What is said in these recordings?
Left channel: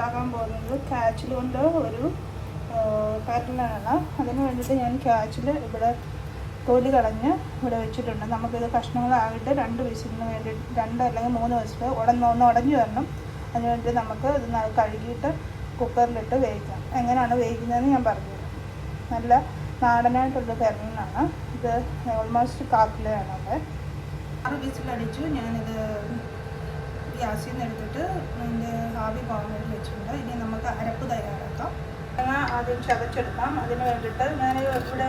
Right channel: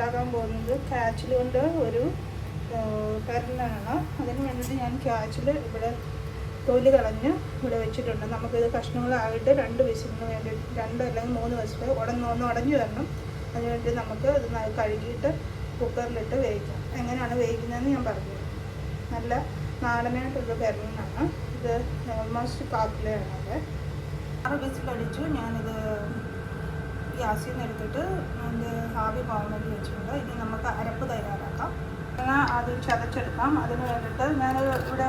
ഉണ്ടാക്കാൻ പോകുന്നത് കാച്ചിൽ കൊണ്ട് ഒരു കറിനാണ്. അതിന് വേണ്ടിയിട്ട് ഞാൻ കാച്ചിൽ ഇവിടെ തൊലി കളഞ്ഞ് ഇവിടെ വെച്ചിട്ടുണ്ട്. നമുക്കിത് കഷ്ണങ്ങളായിട്ട് 2 വിസിലിന് വേണ്ടി 2 അല്ലെങ്കിൽ 3 വിസിൽ ഒന്ന് ഉടഞ്ഞു വരണം. അതിന് വേണ്ടി നമുക്ക് ഇത് കഴുകിയിട്ട് കുക്കറിലിട്ട് വേവിക്കാം. എങ്ങനെയാണ് വേവിക്കുന്നതെന്ന് ഞാൻ പറഞ്ഞു. നല്ല നാടനായിട്ടുള്ള കറിനാണ് ഇത്. ഓൾമോസ്റ്റ് 1/4 കിലോയാണ്. അവിടെ 6 വിസിലടിച്ചു. ഞാനിത് ഗ്യാസിൽ നിന്ന് എടുത്തിട്ട് അതിൻ്റെ ആവി പോകാൻ വേണ്ടി വെച്ചിട്ടുണ്ട്. ഇനി നമുക്ക് അരപ്പ് തയ്യാറാക്കാം. ആദ്യം ചതച്ചെടുക്കാം. അതിന് വേണ്ടിയിട്ട് ഞാൻ ഇവിടെ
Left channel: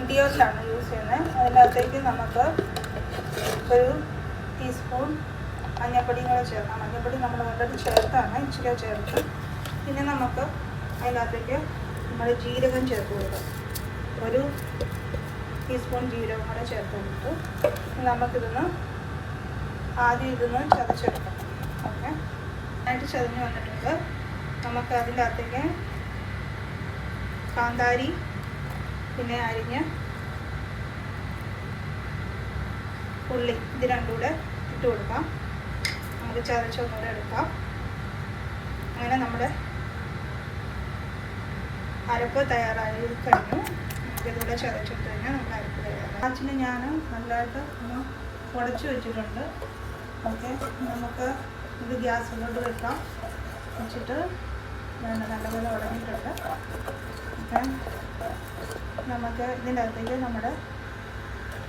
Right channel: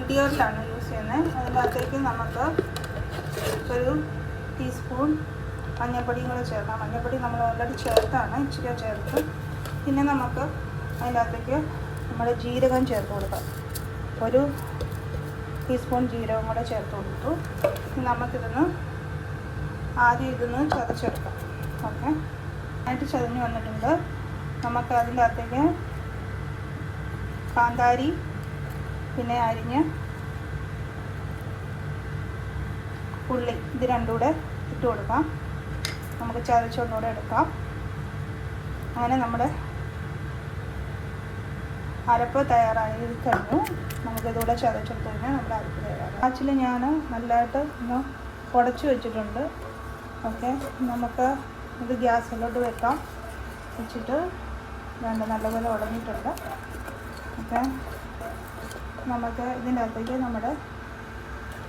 ഇടിയോസാണ് യൂസ് ചെയ്യുന്നത്. അതിനകത്തേക്ക് നമുക്ക് ഒരു ടീസ്പൂൺ മഞ്ഞൾപ്പൊടിയും കൂടെ ചേർക്കാം. മഞ്ഞൾപ്പൊടി നമ്മൾ ഓൾറെഡി ചേർത്താണ്, ഇച്ചിരി ചേർത്ത്. പിന്നെ നമുക്ക് അതിനകത്തേക്ക് നമ്മൾ ജീരകം ചേർത്ത് കൊടുക്കാം. ഒരു ടീസ്പൂൺ ജീരകം കൂടെ ചേർത്ത് കൊടുത്തു. നമുക്കിതൊന്ന് ആദ്യം ഇതൊന്ന് ചതച്ചെടുക്കാം. ഓക്കെ, ആയിട്ട് ചതഞ്ഞ് വന്നിട്ടുണ്ട്. നമുക്ക് അതിൻ്റെ അകത്തേക്ക് കാന്താരി പിന്നെ അരിഞ്ഞ് ഉള്ളി ഇത് രണ്ടും കൂടെ ഇട്ട് കൊടുക്കാം. നമുക്ക് ചതച്ചൊന്നുകൂടെ എടുക്കാം. അങ്ങനെ നമ്മുടെ അരപ്പ് തയ്യാറായി കഴിഞ്ഞു. നമുക്കിതുകൂടെ ചതച്ചിട്ട് കഴിഞ്ഞാൽ നമ്മുടെ അരപ്പ് തയ്യാറായി. കാച്ചിൽ ഞാൻ നല്ലതായിട്ട് ഒന്ന് ഉടച്ച് വെച്ചിട്ടുണ്ട്. ഓക്കെ, നമുക്ക് ഇത് ഗ്യാസിലോട്ട് വെക്കാം. വെച്ചിട്ട് നല്ലപോലെ ഉടഞ്ഞിട്ടുണ്ട്. ഓക്കെ, നമുക്ക് ഇതിൻ്റെ അകത്തേക്ക് നമ്മുടെ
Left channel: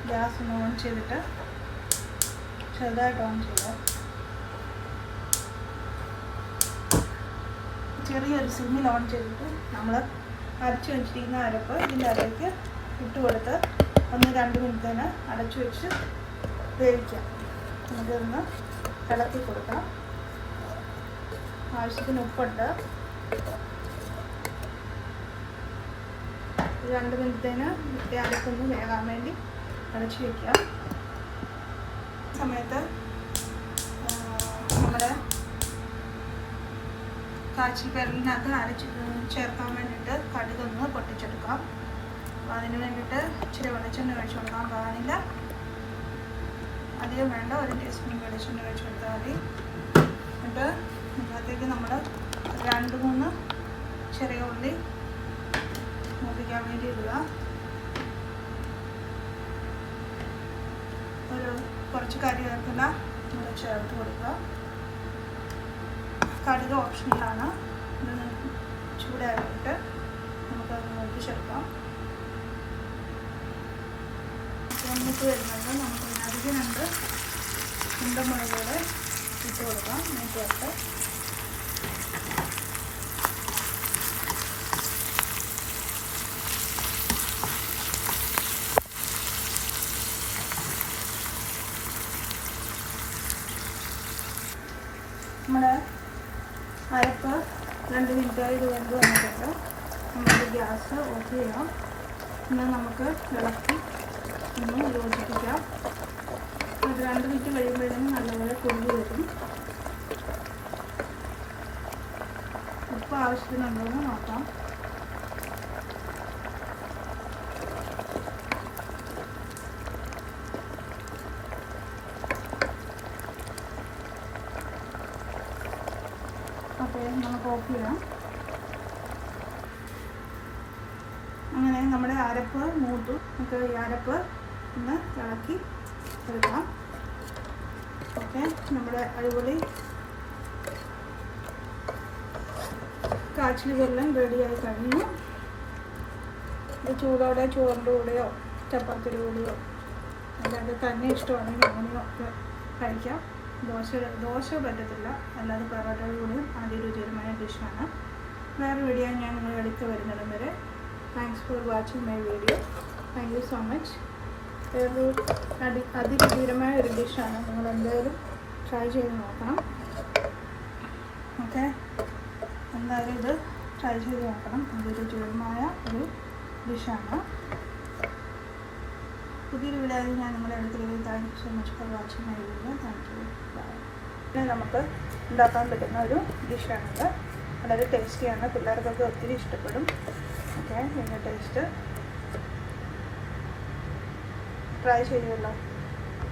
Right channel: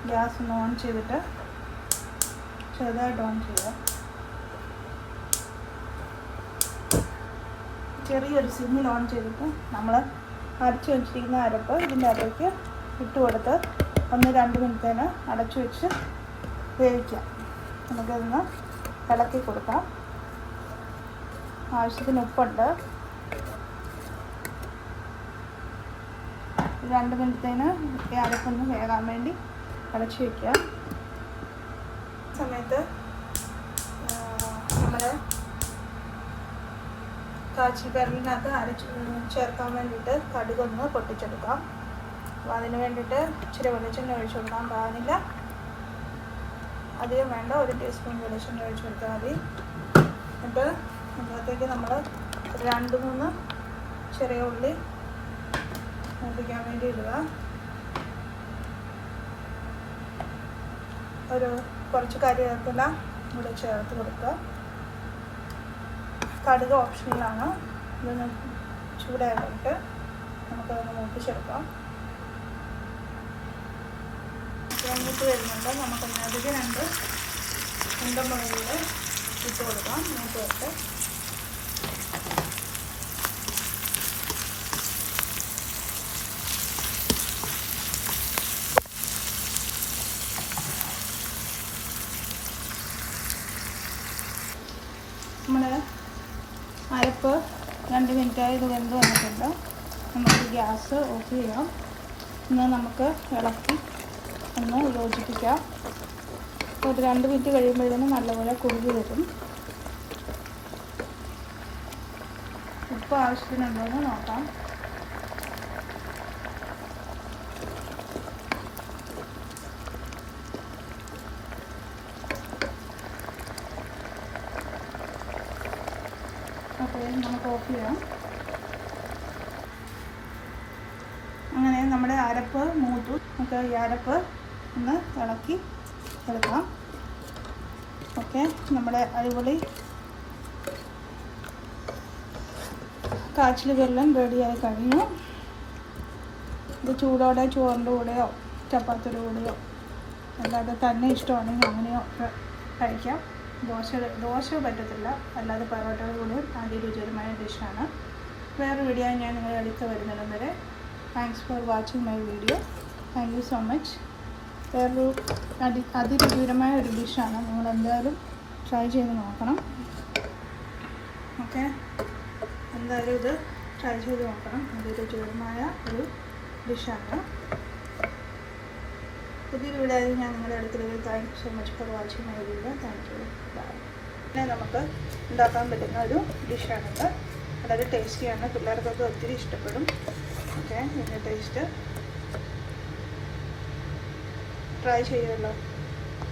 ഗ്യാസ് ഒന്ന് ഓൺ ചെയ്തിട്ട് ചെറുതായിട്ട് ഓൺ ചെയ്യാം. ചെറിയൊരു സിമ്മിൽ ഓൺ ചെയ്തിട്ട് നമ്മൾ അരച്ച് വെച്ചിരിക്കുന്ന അരപ്പ് ഇതിൻ്റെ അകത്തേക്ക് ഇട്ട് കൊടുത്ത് 1-2 മിനിറ്റിന് അടച്ചു വെച്ച് വേവിക്കാം. നമുക്കിതൊന്ന് ഇളക്കി കൊടുക്കാം. ആവശ്യത്തിന് ഉപ്പുണ്ട്. 2 മിനിറ്റിന് അരപ്പൊന്ന് വേകാൻ വേണ്ടി അടച്ചു വയ്ക്കുക. സമയത്ത് നമ്മുടെ കാച്ചിൽ പെരലിനകത്ത് ചേർക്കാൻ വേണ്ടിയിട്ട് കടുകൊന്ന് പൊട്ടിച്ചെടുക്കാം. അപ്പോൾ അതിന് വേണ്ടിയിട്ട് ഇച്ചിരി വെളിച്ചെണ്ണ ഒഴിച്ചു കൊടുക്കാൻ പാടില്ല. അധികം വേണ്ട, 1 ടീസ്പൂൺ വെളിച്ചെണ്ണ ഒഴിച്ചു കൊടുത്താൽ മതി. എന്നിട്ട് അതിനകത്തേക്ക് നമ്മൾ 2-3 ചെറിയ ഉള്ളി മൂപ്പിക്കാൻ വേണ്ടി ഇടുക. കുറച്ച് കറിവേപ്പില ഇവിടെ ചേർത്ത് കൊടുക്കുക. കടുക് ഓപ്ഷനിലാണ്. ഇതൊന്ന് ചൂടായിട്ട് നമുക്കതൊന്ന് മൂപ്പിച്ചെടുക്കാം. മൂത്ത് വരുന്നുണ്ട്. നമുക്കൊന്ന് അധികം 2 ഉണ്ടമുളകുകൾ ഇട്ട് കൊടുക്കാം. മൂപ്പിട്ട് നമ്മുടെ അരപ്പ് 2 മിനിറ്റായി ഇത് വെന്ത് വന്നിട്ടുണ്ട്. നമുക്ക് ഗ്യാസ് ഓഫ് ചെയ്യാം. പിന്നെ നമുക്ക് ഇളക്കി ഒന്ന് യോജിപ്പിക്കാം. ഒരു 2 മിനിറ്റ് കഴിയുമ്പോഴേക്കും നല്ലപോലെ കുറുകി വരും. ഉപ്പ് ആവശ്യത്തിനുണ്ടോയെന്ന് നോക്കാം. ഓക്കെ, നമുക്ക് ഓഫ് ചെയ്യാം. അങ്ങനെ നമ്മുടെ അരപ്പ് മൂത്തു. നമുക്ക് ഈ അരപ്പ് ഒന്ന് ഇളക്കി എടുക്കാം. ഓക്കെ, നമ്മുടെ അടിപൊളി കാച്ചിൽ വെള്ളം റെഡിയായി കഴിഞ്ഞു. ഇത് ചൂടോടെ ചോറിൻ്റെ കൂടെയോ ചപ്പാത്തിയുടെ കൂടെയോ അല്ലാതെ തന്നെ ഇഷ്ടമാണെങ്കിൽ അങ്ങനെയോ ഒക്കെ കഴിക്കാം. ദോശ പറ്റത്തില്ല, അല്ലാതെ പൊറോട്ടയുടെ കൂടെയും അതിരുചികരമായ ഡിഷാണ്. വേറെ വീഡിയോ ഞാൻ നിങ്ങളെ അടുത്ത് വരുന്നിടം വരെ. Thanks for watching my video. Thank you so much. വേറൊരു അതിരുചികരമായ ഒരു ഡിഷാണ്. നിങ്ങൾ എന്തായാലും ട്രൈ ചെയ്ത് നോക്കണം. ഓക്കെ, എന്തായാലും ഇത് ട്രൈ ചെയ്ത് നോക്കണം. അതിരുചികരമായ ഒരു ഡിഷാണ്. പുതിയൊരു വീഡിയോ ഞാൻ നിങ്ങളുടെ അടുത്തിലേക്ക്. Thank you so much for watching my video. Thank you. Bye. പിന്നെ നമുക്ക് ഉണ്ടാക്കാൻ പറ്റുന്ന ഒരു ഡിഷാണിത്. വളരെ ടേസ്റ്റിയാണ്. പിള്ളേർക്കൊക്കെ ഒത്തിരി ഇഷ്ടപ്പെടും. ഓക്കെ, ഇതിൻ്റെ ടേസ്റ്റ് ട്രൈ ചെയ്യുമല്ലോ.